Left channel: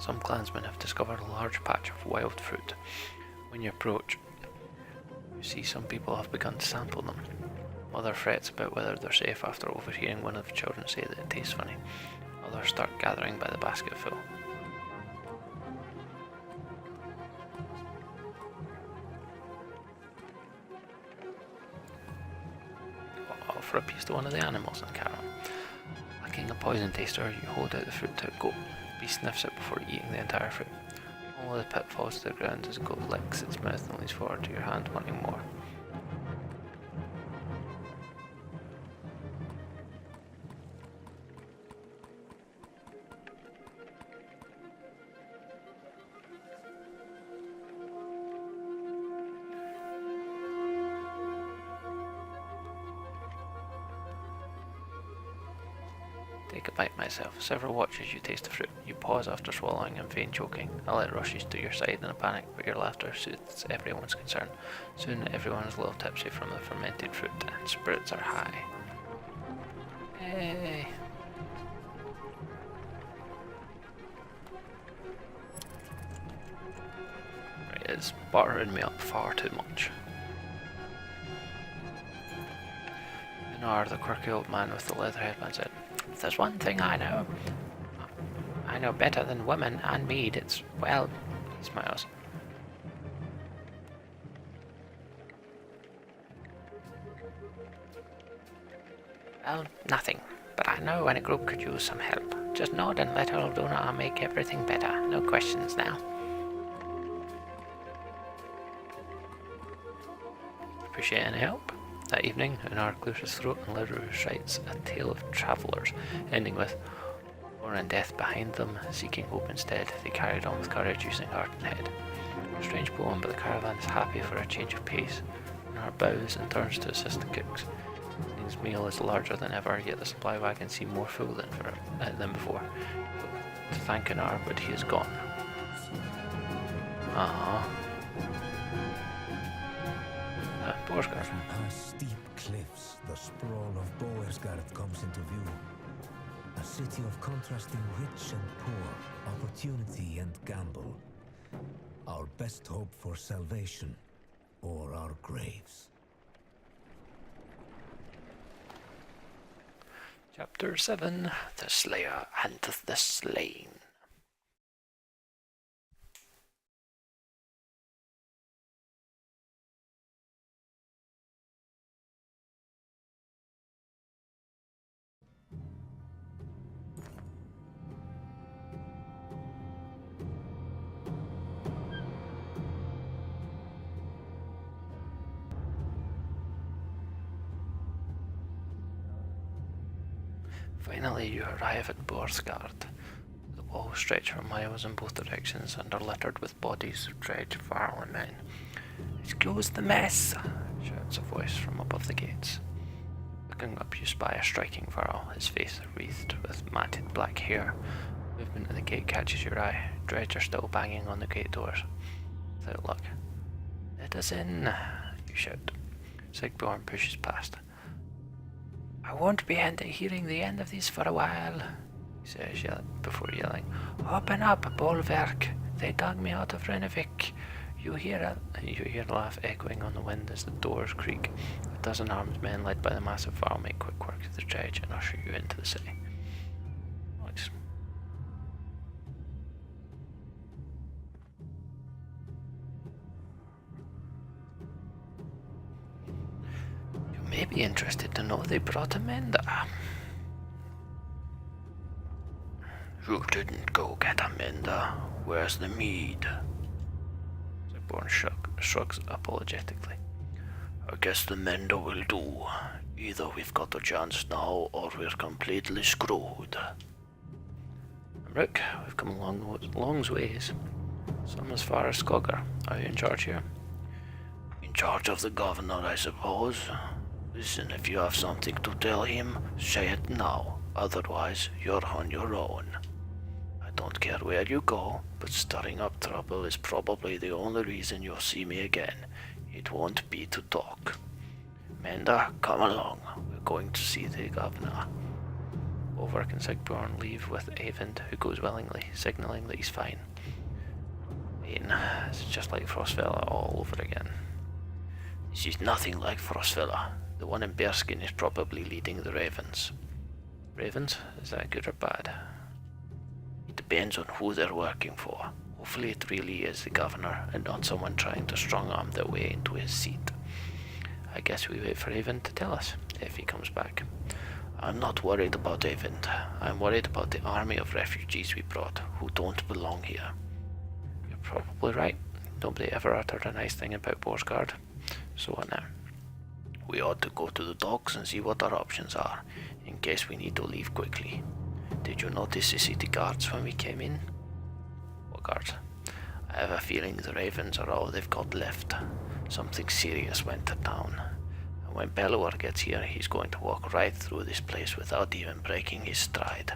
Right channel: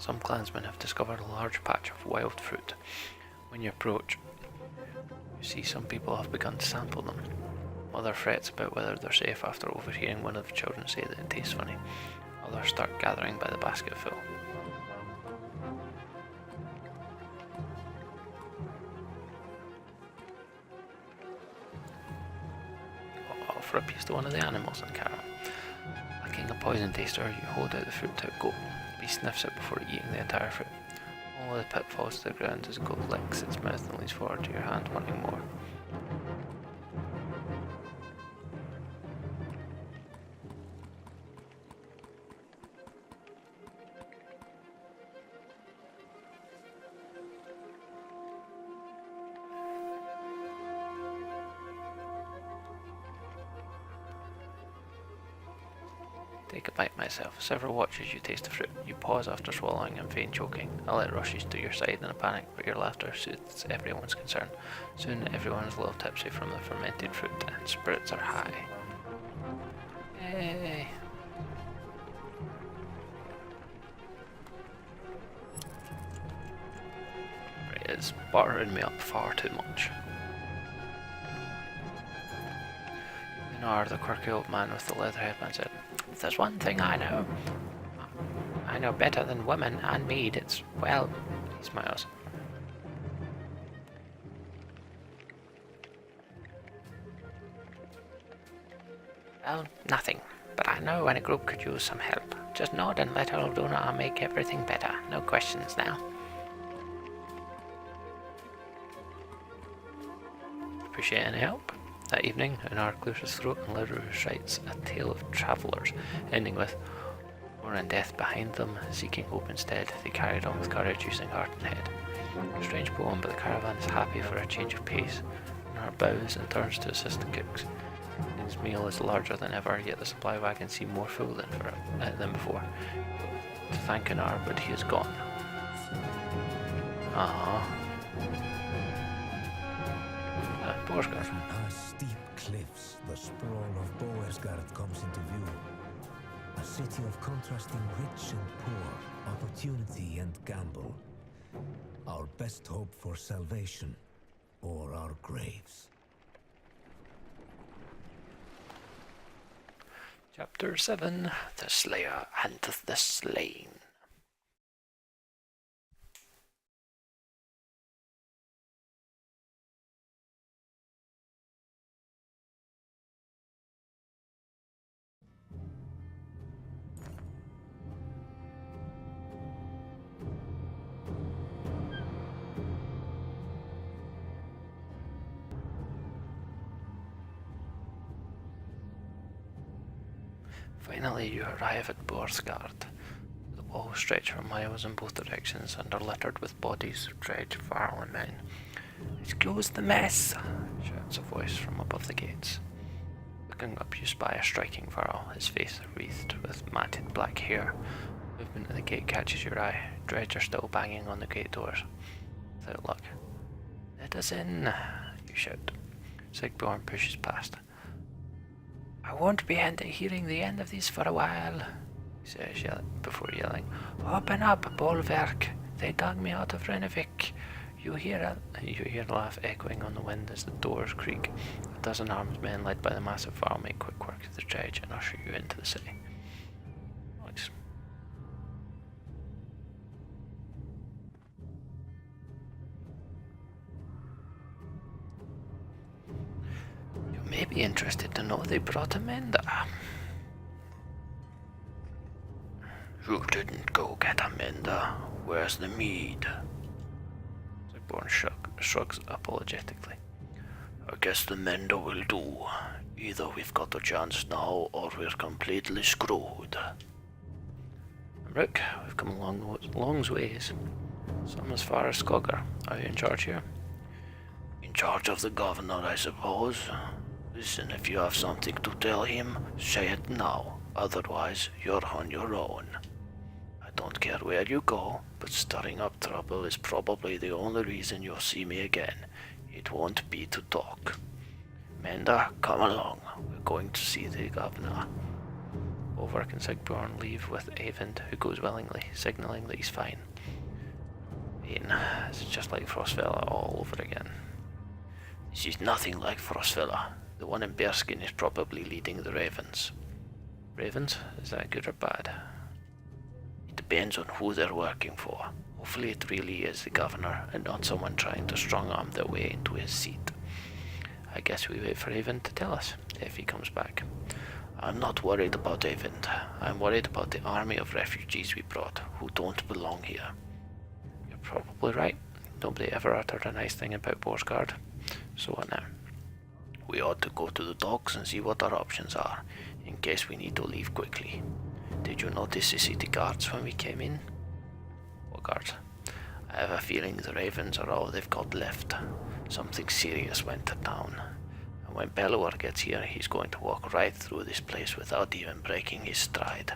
Some clansmen have discovered a large patch of wild fruit. When you approach, you see some people have begun to sample them. Mother frets about whether they're safe after overhearing one of the children say that it tastes funny. Others start gathering by the basketful. Offer a piece to one of the animals in the caravan. Lacking a poison taster, you hold out the fruit to a goat. The beast sniffs it before eating the entire fruit. All of the pit falls to the ground as the goat licks its mouth and leans forward to your hand, wanting more. Take a bite myself. Several watch as you taste the fruit. You pause after swallowing and feign choking. A light rushes to your side in a panic, but your laughter soothes everyone's concern. Soon everyone is a little tipsy from the fermented fruit, and spirits are high. Yay! Right, it's buttering me up far too much. Minar, the quirky old man with the leather headband, said, "If there's one thing I know better than women and mead, it's, well," he smiles. "Well, nothing. But I know when a group could use some help. Just nod and let old Una make everything better. No questions now." Appreciate any help? That evening, Unar clears his throat and Leru recites a tale of travellers, ending with war and death behind them, seeking hope instead. They carried on with courage, using heart and head. A strange poem, but the caravan is happy for a change of pace. Unar bows and turns to assist the cooks. His meal is larger than ever, yet the supply wagons seem more full than before. To thank Unar, but he is gone. Boersgard. Past steep cliffs, the sprawl of Boersgard comes into view. A city of contrasting rich and poor, opportunity and gamble. Our best hope for salvation, or our graves. Chapter 7, The Slayer and the Slain. Finally, you arrive at Boersgard. The walls stretch for miles in both directions and are littered with bodies of dredged Varl men. "Excuse the mess," shouts a voice from above the gates. Looking up, you spy a striking Varl, his face wreathed with matted black hair. Movement at the gate catches your eye. Dredge are still banging on the gate doors. Without luck. "Let us in," you shout. Sigbjorn pushes past. "I won't be hearing the end of this for a while," he says before yelling, "Open up, Bolverk! They dug me out of Renevik." You hear a laugh echoing on the wind as the doors creak. A dozen armed men led by the massive Varl make quick work of the dredge and usher you into the city. Nice. You may be interested to know they brought Amanda. "You didn't go get Amanda. Where's the mead?" Sigbjorn shrugs apologetically. "I guess the Menda will do. Either we've got a chance now, or we're completely screwed." "Rook, we've come a long ways. Some as far as Skogger. Are you in charge here?" "In charge of the governor, I suppose. Listen, if you have something to tell him, say it now. Otherwise, you're on your own. I don't care where you go, but stirring up trouble is probably the only reason you'll see me again. It won't be to talk. Menda, come along. We're going to see the governor." Volvork and Sigbjorn leave with Eyvind, who goes willingly, signalling that he's fine. This is just like Frostfella all over again. This is nothing like Frostfella. The one in Bearskin is probably leading the Ravens. Ravens? Is that good or bad? It depends on who they're working for. Hopefully it really is the governor and not someone trying to strong-arm their way into his seat. I guess we wait for Eyvind to tell us, if he comes back. I'm not worried about Eyvind. I'm worried about the army of refugees we brought, who don't belong here. You're probably right. Nobody ever uttered a nice thing about Boersgard. So what now? We ought to go to the docks and see what our options are, in case we need to leave quickly. Did you notice the city guards when we came in? What guards? I have a feeling the Ravens are all they've got left. Something serious went to town. And when Bellower gets here, he's going to walk right through this place without even breaking his stride.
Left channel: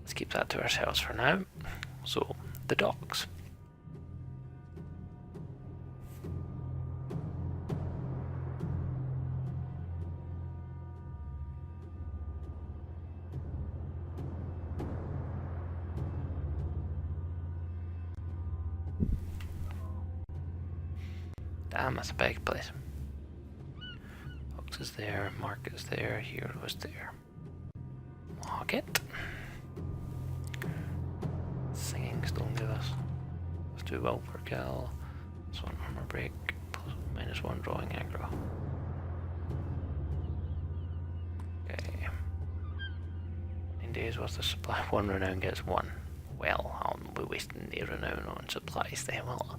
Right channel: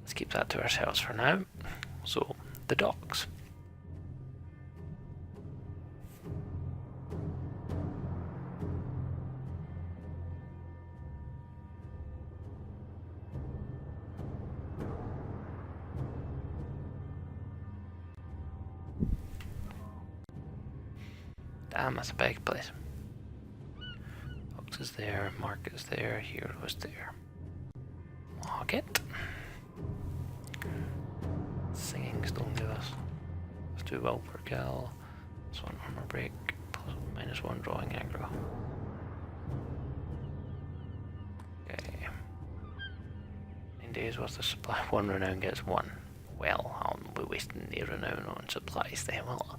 Let's keep that to ourselves for now. So, the docks. Damn, that's a big place. Fox is there, Mark is there, Hero is there. Market. Singing's don't give us. Let's do well per kill. This one armor break. -1 drawing aggro. Okay. 9 days worth of supply. 1 renown gets 1. Well, I'll be wasting the renown on supplies then, will I?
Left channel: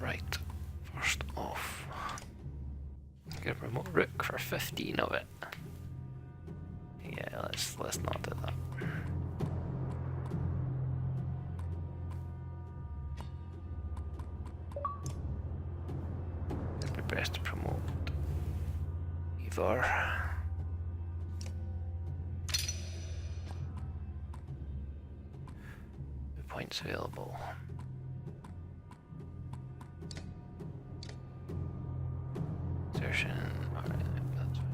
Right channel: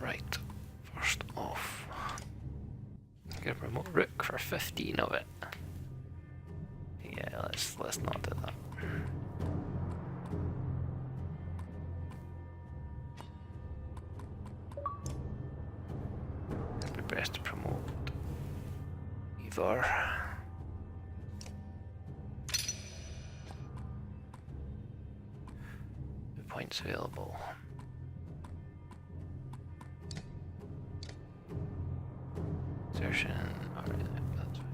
Right, first off, get a remote rook for 15 of it. Yeah, let's not do that. It'd be best to promote either. The points available. Exertion, alright, that's fine.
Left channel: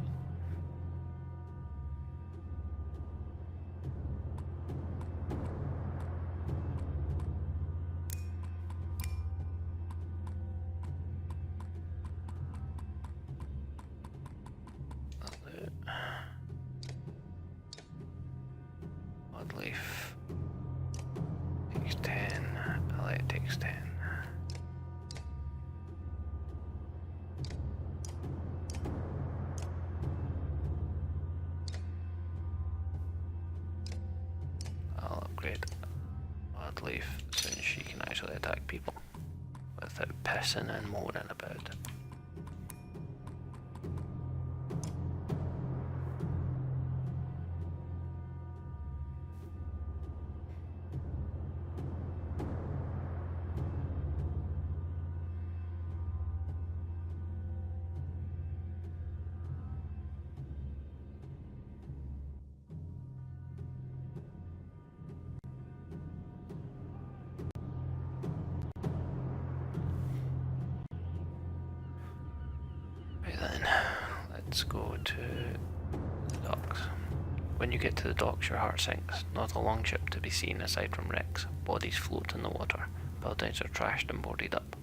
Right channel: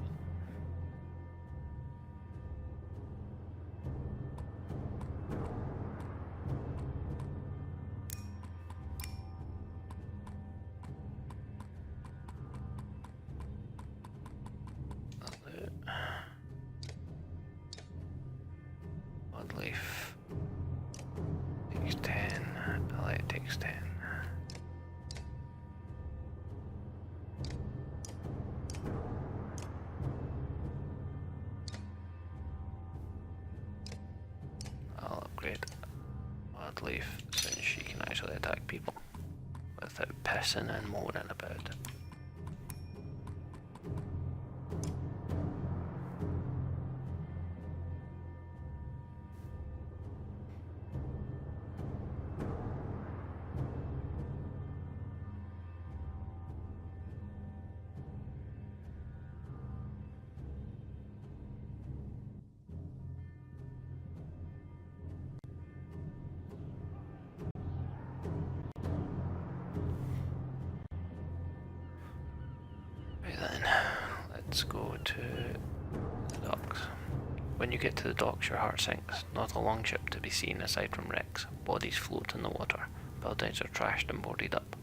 Oddleaf takes 10, Elliot takes 10. I'll upgrade Oddleaf since she can actually attack people without pissing and moaning about it. Then let's go to the docks. When you get to the docks, your heart sinks. Not a longship to be seen aside from wrecks. Bodies float in the water. Buildings are trashed and boarded up.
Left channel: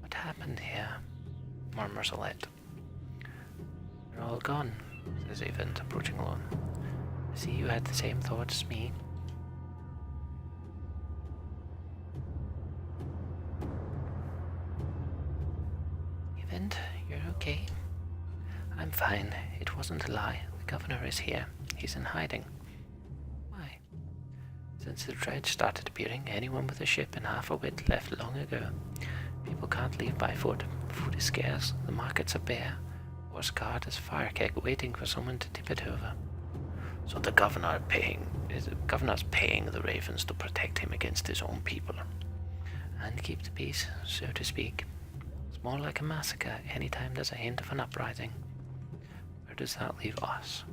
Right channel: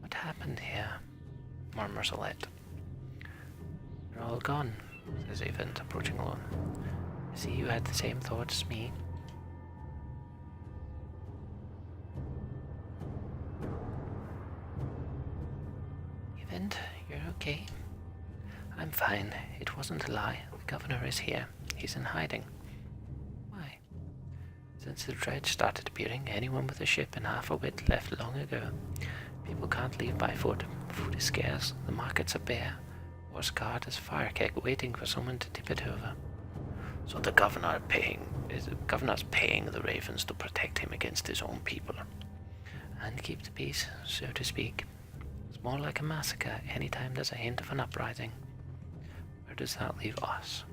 What happened here? Murmurs Alette. They're all gone, says Eyvind, approaching alone. I see you had the same thoughts as me. Eyvind, you're okay? I'm fine. It wasn't a lie. The governor is here. He's in hiding. Why? Since the dredge started appearing, anyone with a ship and half a wit left long ago. People can't leave by foot. Food is scarce. The markets are bare. Boersgard is fire keg waiting for someone to tip it over. So the governor's paying the ravens to protect him against his own people. And keep the peace, so to speak. More like a massacre anytime there's a hint of an uprising. Where does that leave us?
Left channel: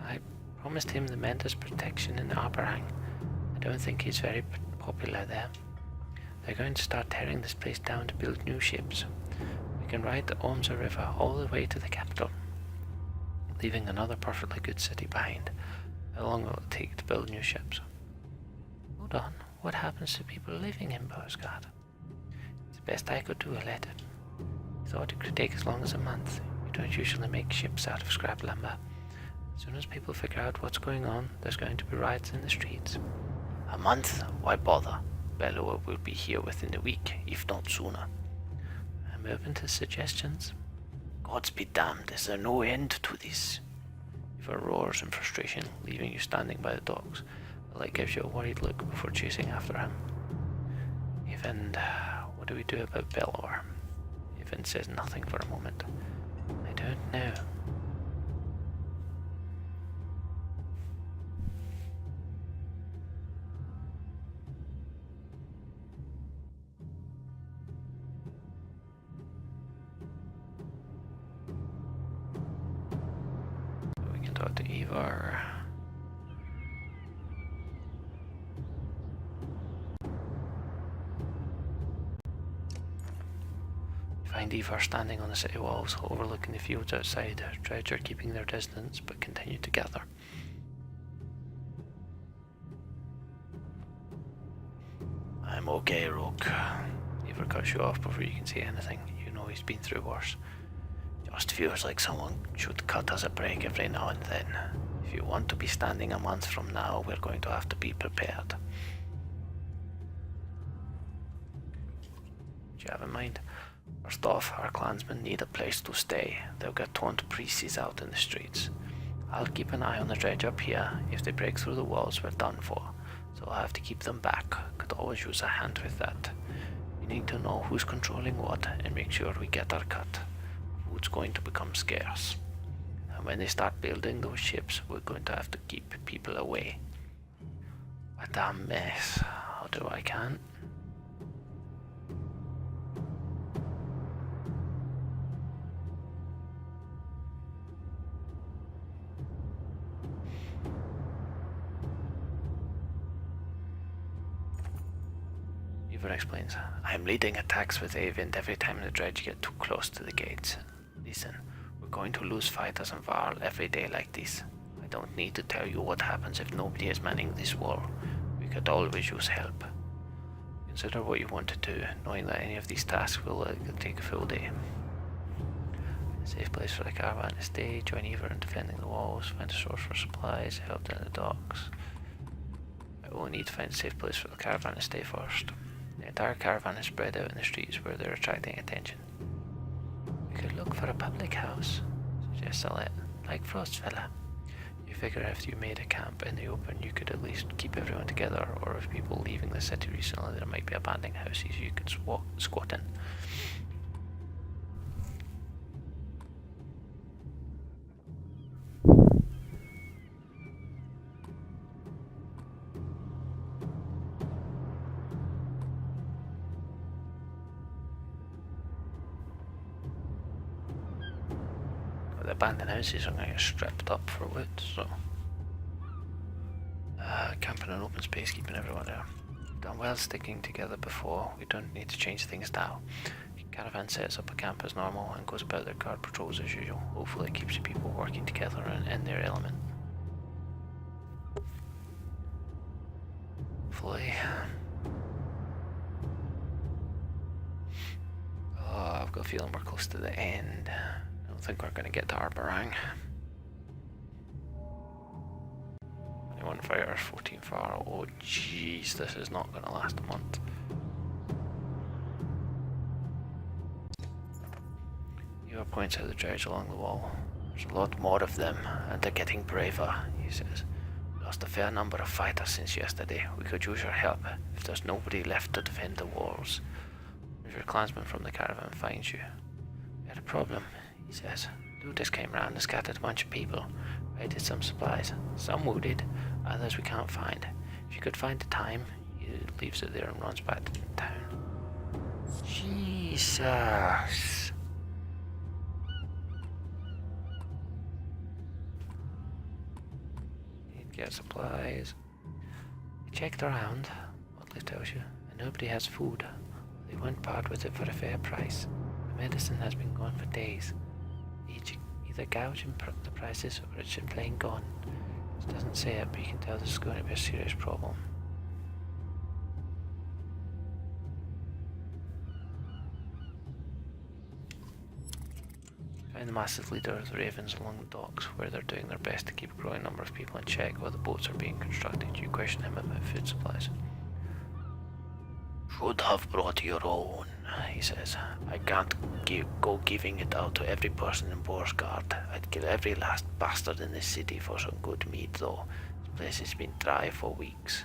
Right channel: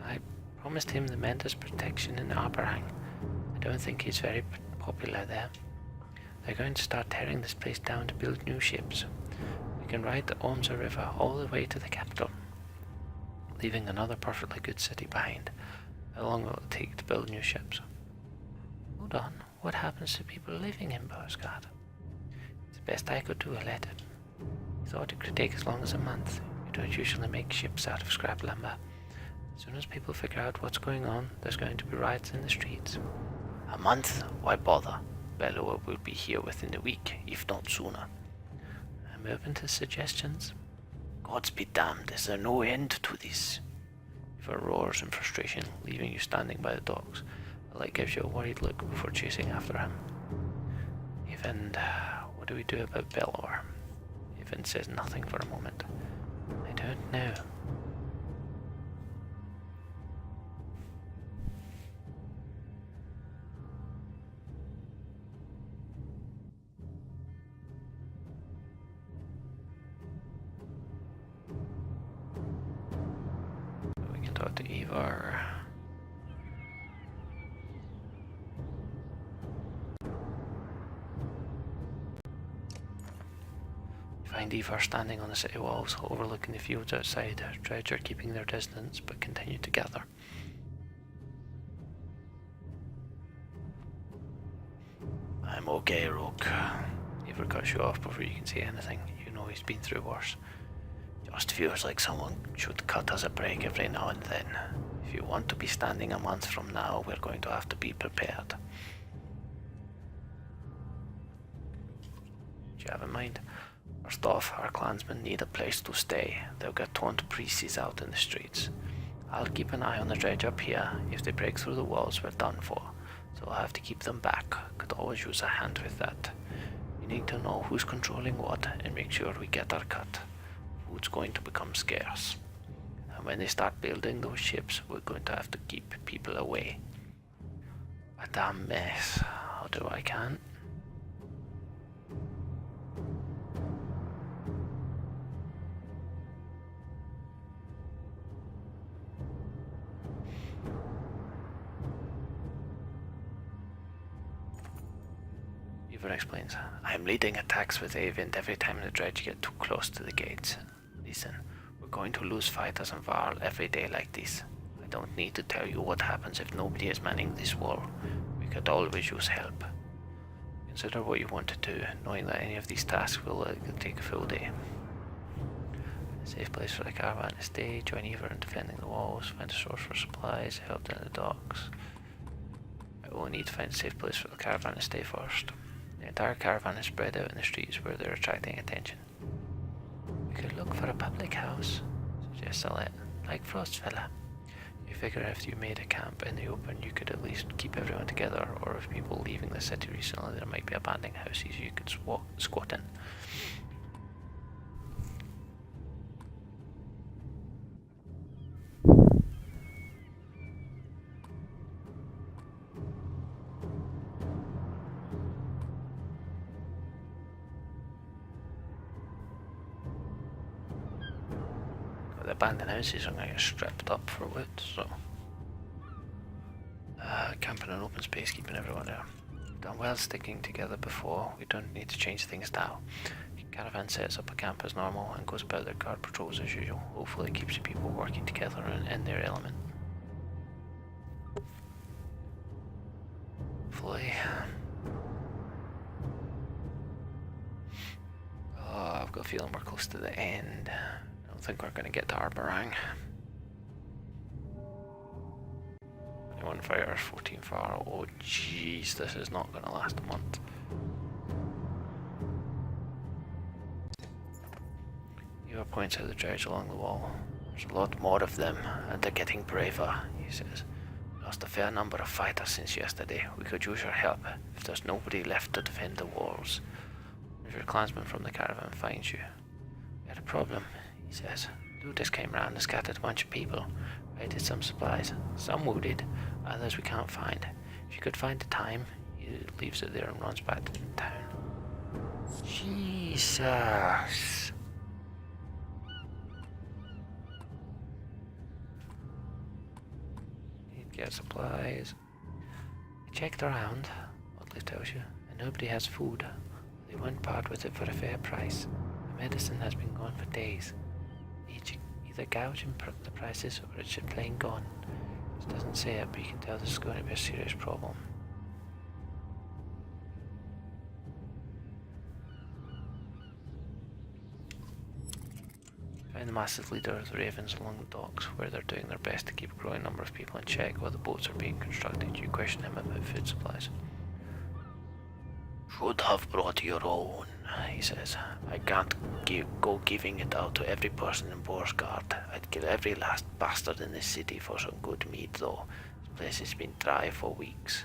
I promised him the Mendes protection in Aberang. I don't think he's very popular there. They're going to start tearing this place down to build new ships. We can ride the Omza River all the way to the capital, leaving another perfectly good city behind. How long will it take to build new ships? Hold on, what happens to people living in Boersgard? It's the best I could do, I let it. He thought it could take as long as a month. You don't usually make ships out of scrap lumber. As soon as people figure out what's going on, there's going to be riots in the streets. A month? Why bother? Bellower will be here within a week, if not sooner. I'm open to suggestions. Gods be damned, is there no end to this? Eva roars in frustration, leaving you standing by the docks. The light gives you a worried look before chasing after him. Even, what do we do about Bellower? Even says nothing for a moment. I don't know. We can talk to Eva. Find Eva standing on the city walls, overlooking the fields outside. Her dredge are keeping their distance, but continue to gather. I'm okay, Rook. Eva cuts you off before you can say anything. You know he's been through worse. Just feels like someone should cut us a break every now and then. If you want to be standing a month from now, we're going to have to be prepared. Do you have in mind? First off, our clansmen need a place to stay. They'll get torn to pieces out in the streets. I'll keep an eye on the dredge up here. If they break through the walls, we're done for. So I'll have to keep them back. Could always use a hand with that. We need to know who's controlling what and make sure we get our cut. Food's going to become scarce. And when they start building those ships, we're going to have to keep people away. What a mess. How do I can? Eva explains. I'm leading attacks with Avind every time the dredge get too close to the gates. Listen, we're going to lose fighters and Varl every day like this. I don't need to tell you what happens if nobody is manning this wall. We could always use help. Consider what you want to do, knowing that any of these tasks will take a full day. A safe place for the caravan to stay, join Eva in defending the walls, find a source for supplies, help in the docks. I will need to find a safe place for the caravan to stay first. The entire caravan is spread out in the streets where they're attracting attention. We could look for a public house, suggests Alette, like Frostfella. You figure if you made a camp in the open, you could at least keep everyone together, or if people leaving the city recently, there might be abandoned houses you could squat in. The abandoned houses are going to get stripped up for wood, so camping in an open space, keeping everyone there. Done well sticking together before, we don't need to change things now. Caravan sets up a camp as normal and goes about their guard patrols as usual. Hopefully it keeps people working together and in their element. Hopefully. Oh, I've got a feeling we're close to the end. I don't think we're going to get to Arborang. 21 fighters, 14 far. Oh jeez, this is not going to last a month. Eva points out the dredge along the wall. There's a lot more of them, and they're getting braver, he says. We lost a fair number of fighters since yesterday. We could use your help if there's nobody left to defend the walls. If your clansman from the caravan finds you. We had a problem, he says. Looters came round and scattered a bunch of people. Raided some supplies. Some wounded, others we can't find. If you could find the time, he leaves it there and runs back to the town. Jesus. get supplies. I checked around, Oddly tells you, and nobody has food. They won't part with it for a fair price. The medicine has been gone for days. Either gouging the prices or it's just plain gone. It doesn't say it, but you can tell this is going to be a serious problem. Find the massive leader of the Ravens along the docks, where they're doing their best to keep a growing number of people in check while the boats are being constructed. You question him about food supplies. Should have brought your own, he says. I can't go giving it out to every person in Boersgard. I'd kill every last bastard in this city for some good meat, though. This place has been dry for weeks.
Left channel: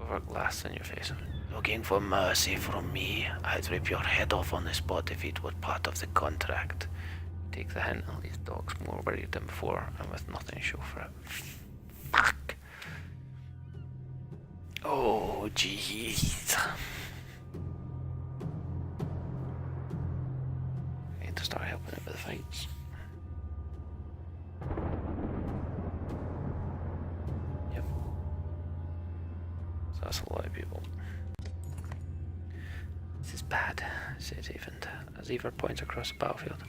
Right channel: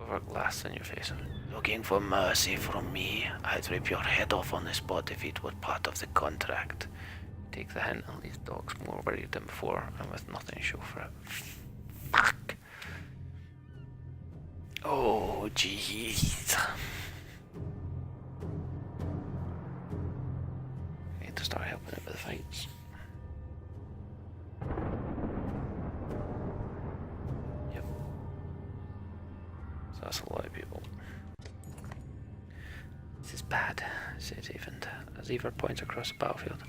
Over glass in your face. Looking for mercy from me? I'd rip your head off on the spot if it were part of the contract. Take the hint and leave dogs more worried than before, and with nothing to show for it. Fuck! Oh, jeez. I need to start helping it with the fights. Yep. So that's a lot of people. This is bad, says Evand, as Ever points across the battlefield.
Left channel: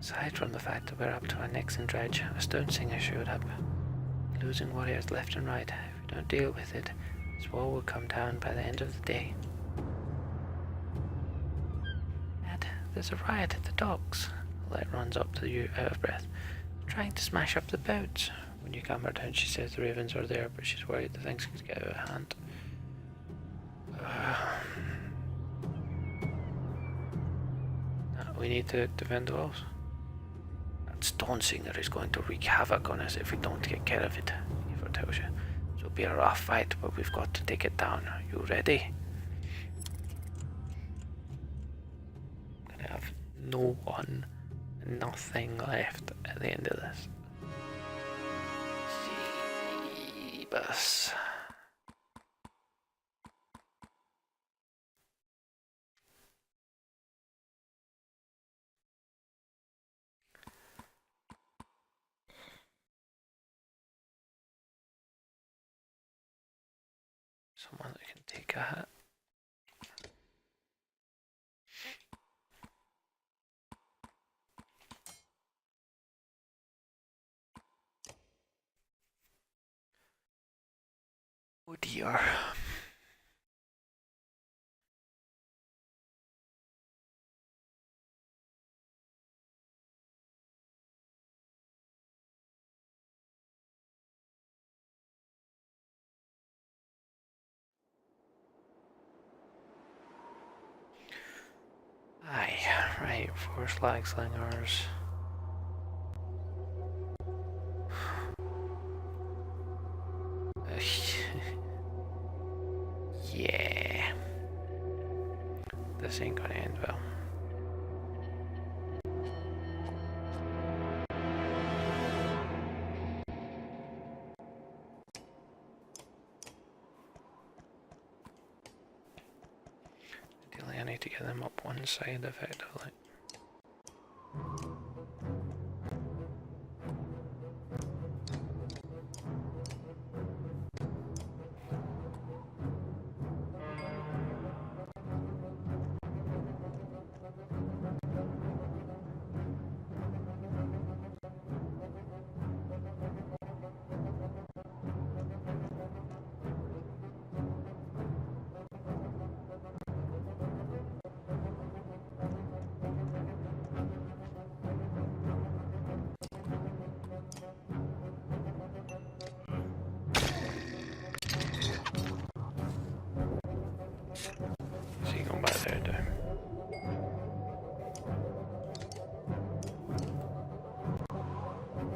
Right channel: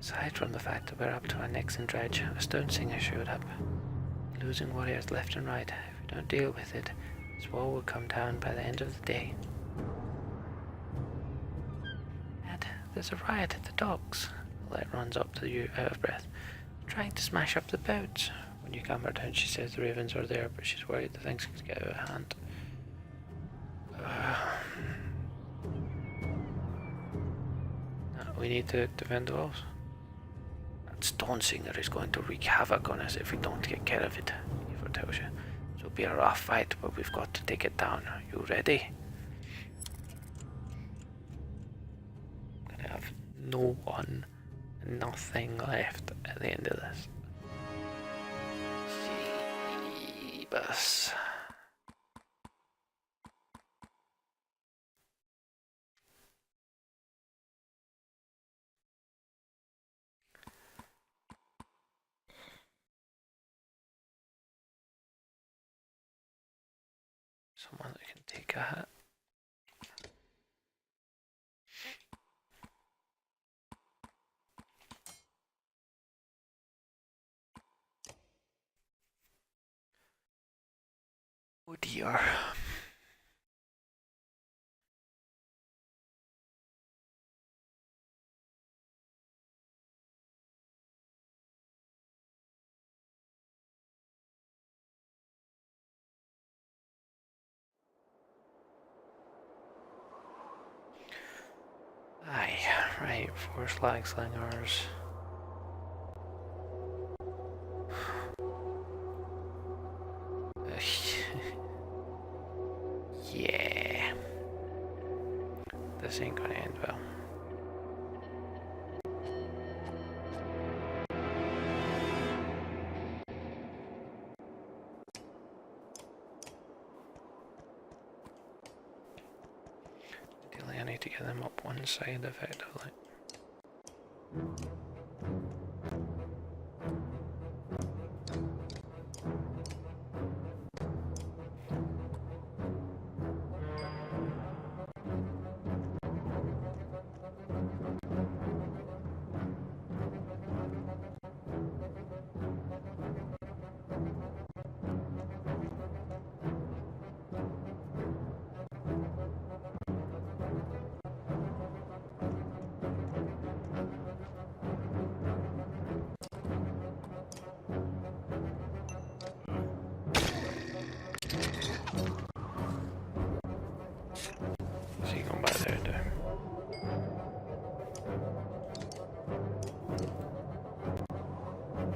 Aside from the fact that we're up to our necks in dredge, a stone singer showed up. Losing warriors left and right. If we don't deal with it, this wall will come down by the end of the day. Dad, there's a riot at the docks. Light runs up to you, out of breath. They're trying to smash up the boats. When you calm her down, she says the ravens are there, but she's worried that things could get out of hand. We need to defend the walls. That stone singer is going to wreak havoc on us if we don't take care of it, Eva tells you. It'll be a rough fight, but we've got to take it down. You ready? I'm gonna have no one, nothing left at the end of this. Jeebus. Someone that can take a hit. Oh dear. Aye, right, 4 slag slingers. Yeah. This ain't gonna end well. Ideally, I need to get them up one side effectively. So you going by there, do?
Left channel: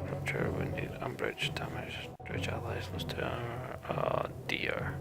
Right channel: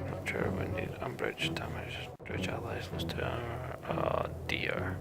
Rupture, wounded, unbridged, damage, bridge allies, lost to armor. Oh dear.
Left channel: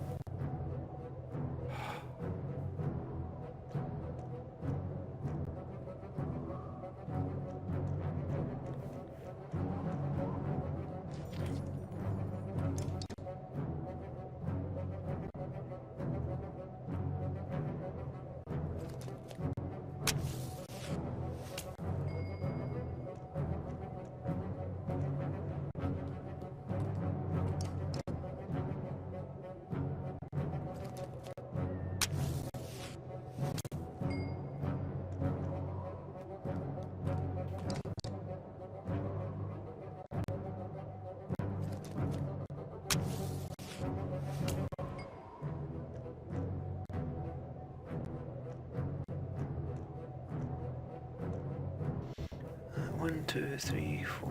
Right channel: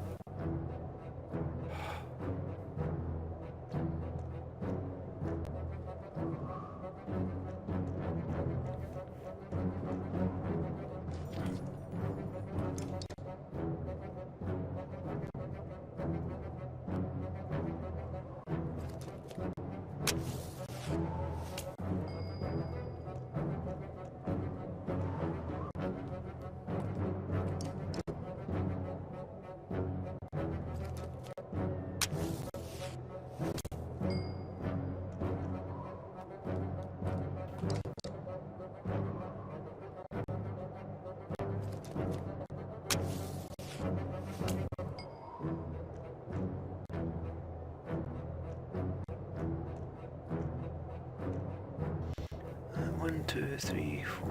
1, 2, 3, 4.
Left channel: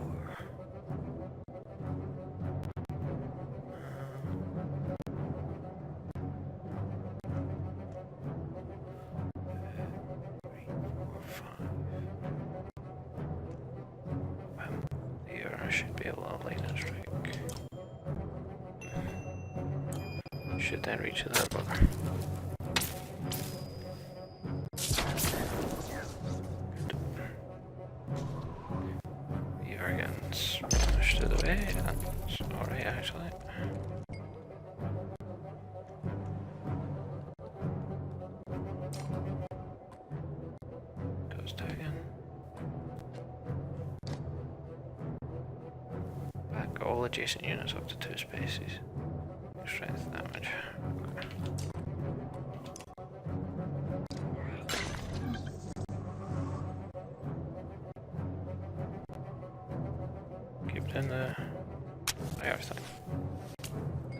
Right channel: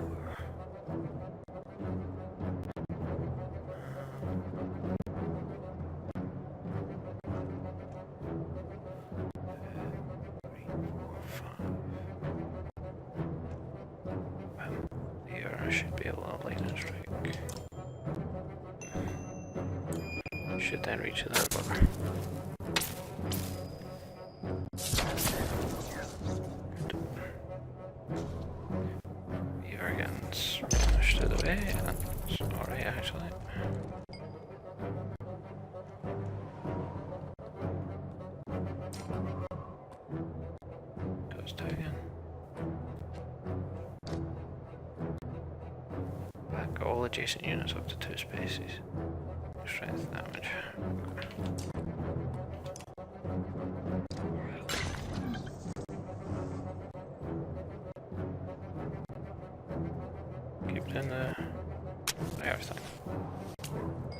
Here I should be able to line and strike. Should then reach that bugger. You're getting smashed out of the way. That's alright actually. Goes down again. Back all adjacent units up to 2 spaces. Strength damage. Keep it in the fire thing.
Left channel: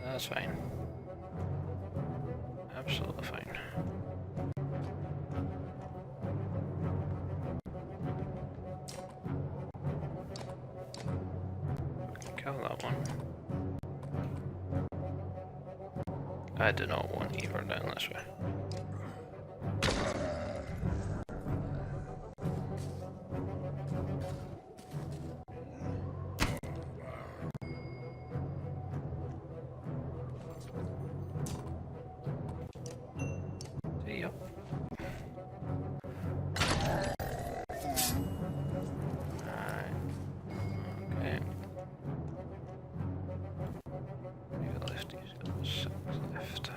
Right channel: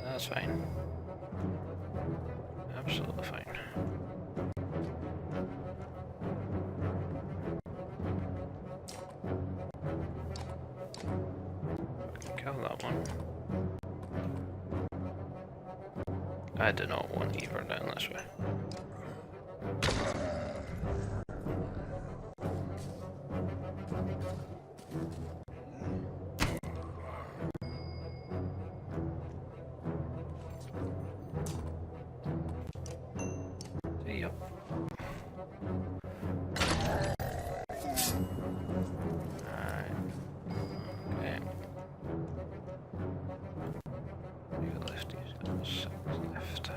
That's fine. Absolutely fine. Kill that one. I do not want either down this way. See ya. Alright. Okay. You got lefties. 6 left.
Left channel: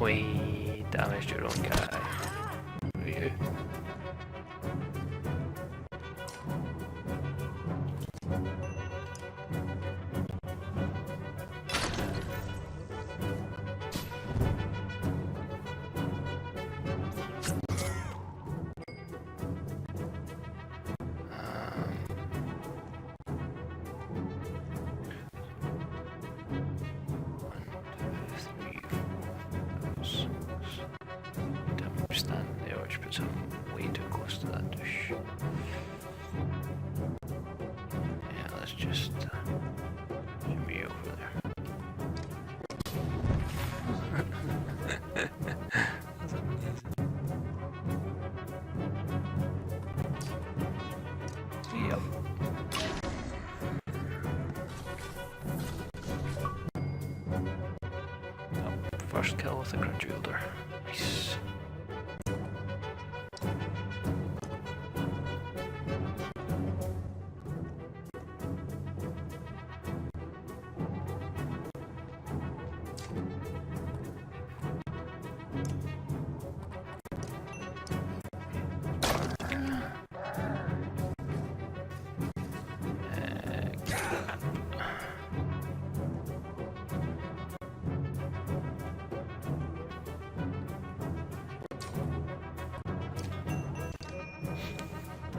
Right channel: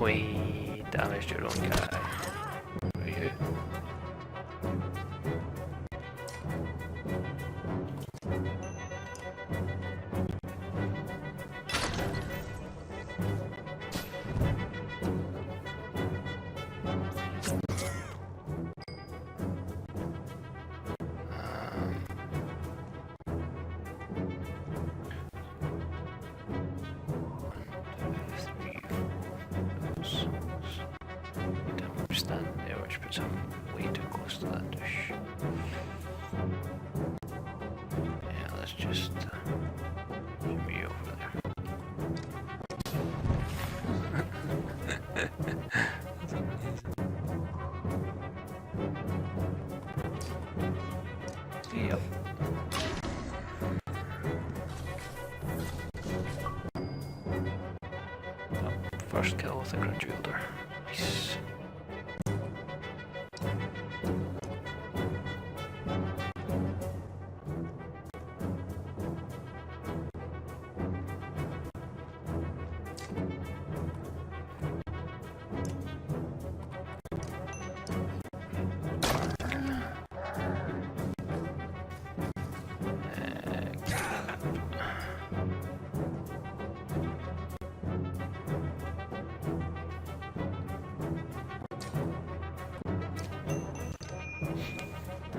We damaged your own guy. Who are you? Stand there, which puts him way too close to that dish. Yeah, let's just shimmy over there. That's amazing. Yep. Oh, first kill with a grudge wielder. Nice.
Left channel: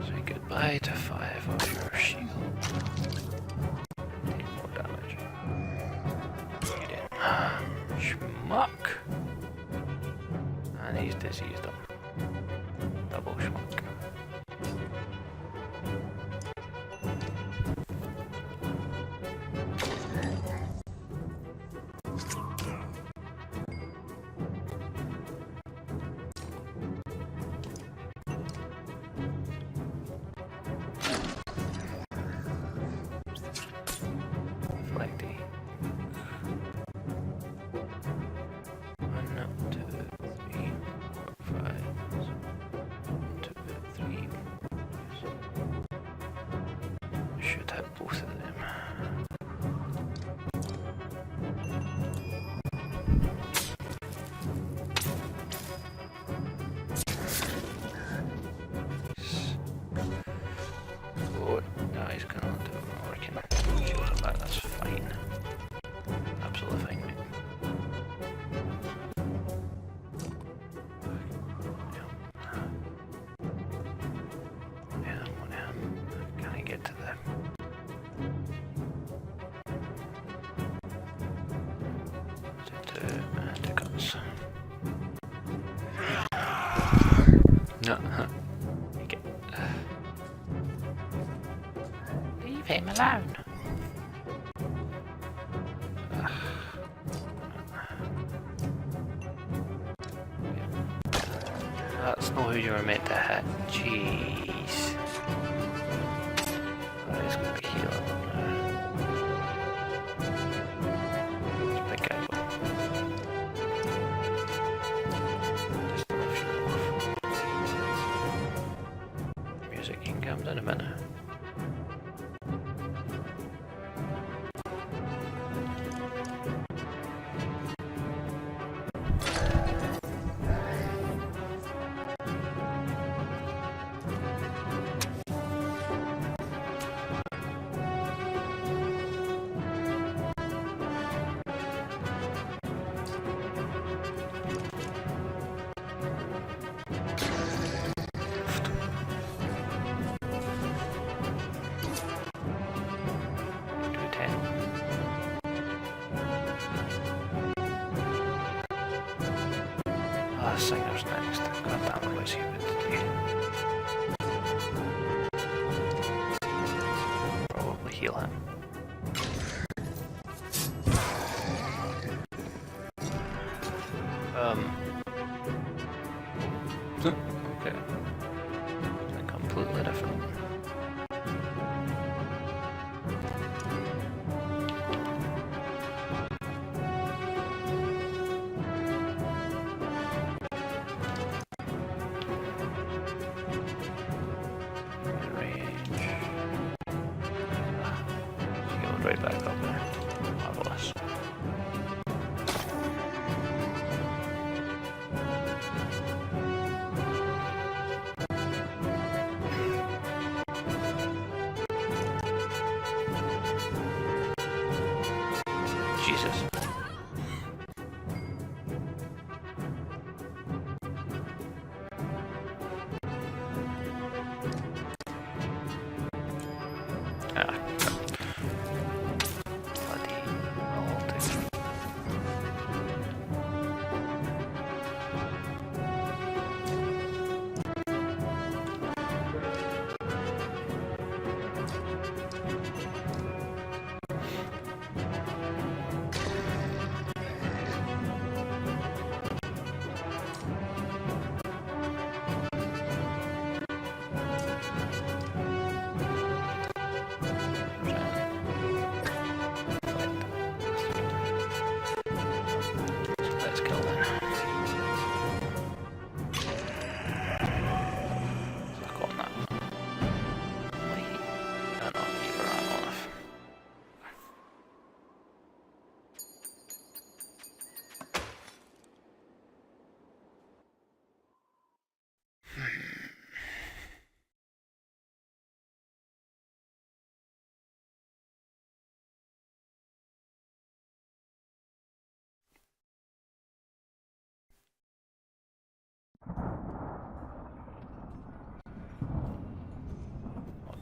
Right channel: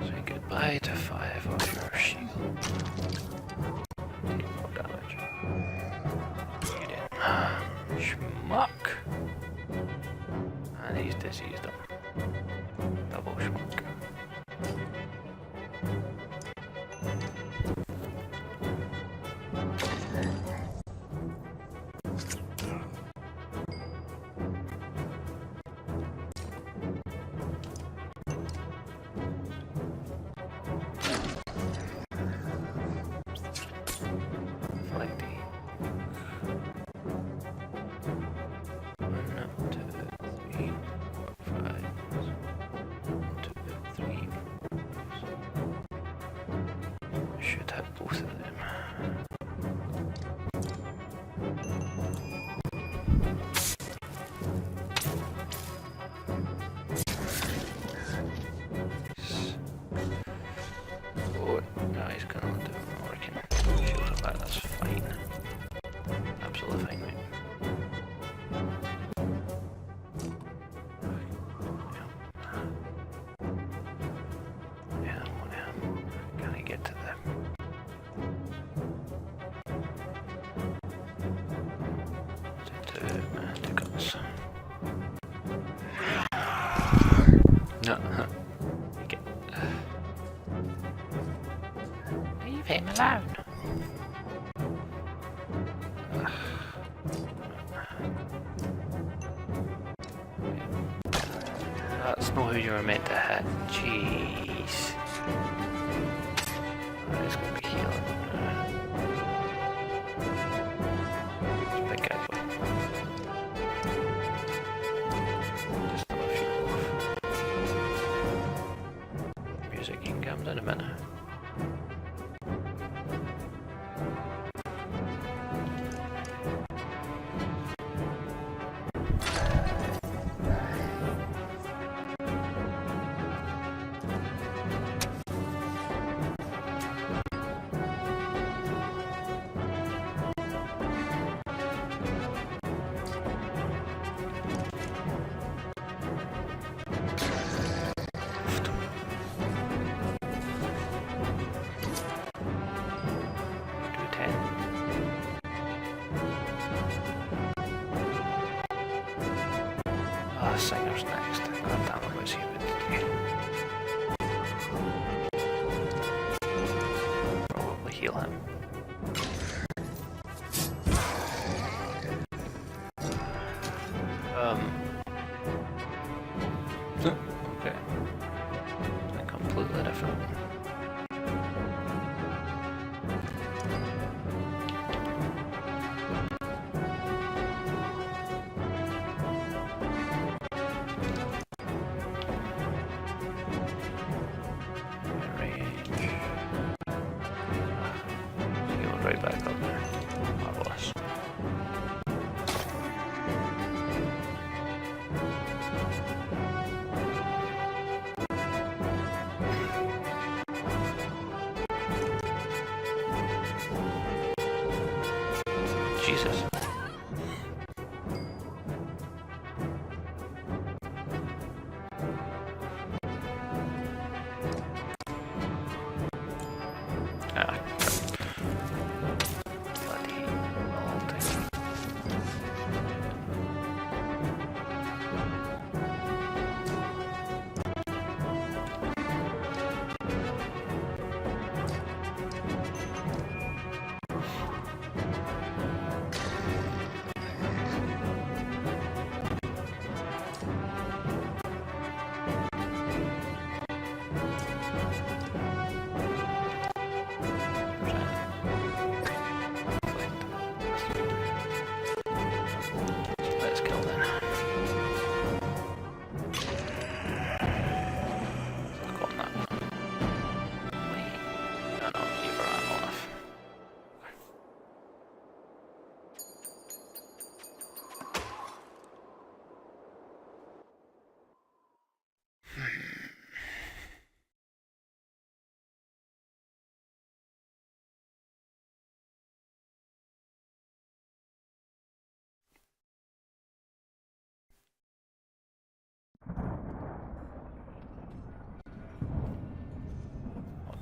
Say goodbye to 5 of your shield. Take more damage. Get in. Schmuck! And he's diseased him. Double schmuck. Flighty. 1, 2, 3, 4, 5. 1, 2, 3, 4. I should have both of them. Oh, no, he's gonna do it working. Shield him back, that's fine. Absolutely fine, mate. One of him. Can I get to them? Okay. Leave him alone. That's not who you were meant to hit. Jeez. That is going to be healing now. It's a big guy. Just a few off. Music can come down a minute. Singer's next. God damn it, what's he about to do? Probably heal him. Okay. Something completely different. Right back up there. Marvelous. Jesus. Let's kill then. Suck on that. Wait. No, you've ran enough.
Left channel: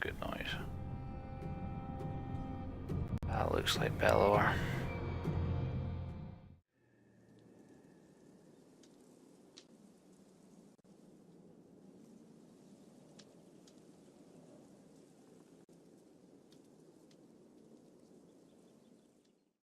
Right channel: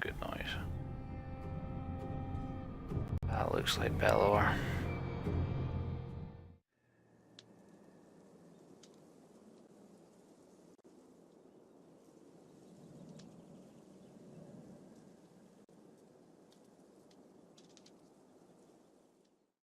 Good noise. That looks like Bellower.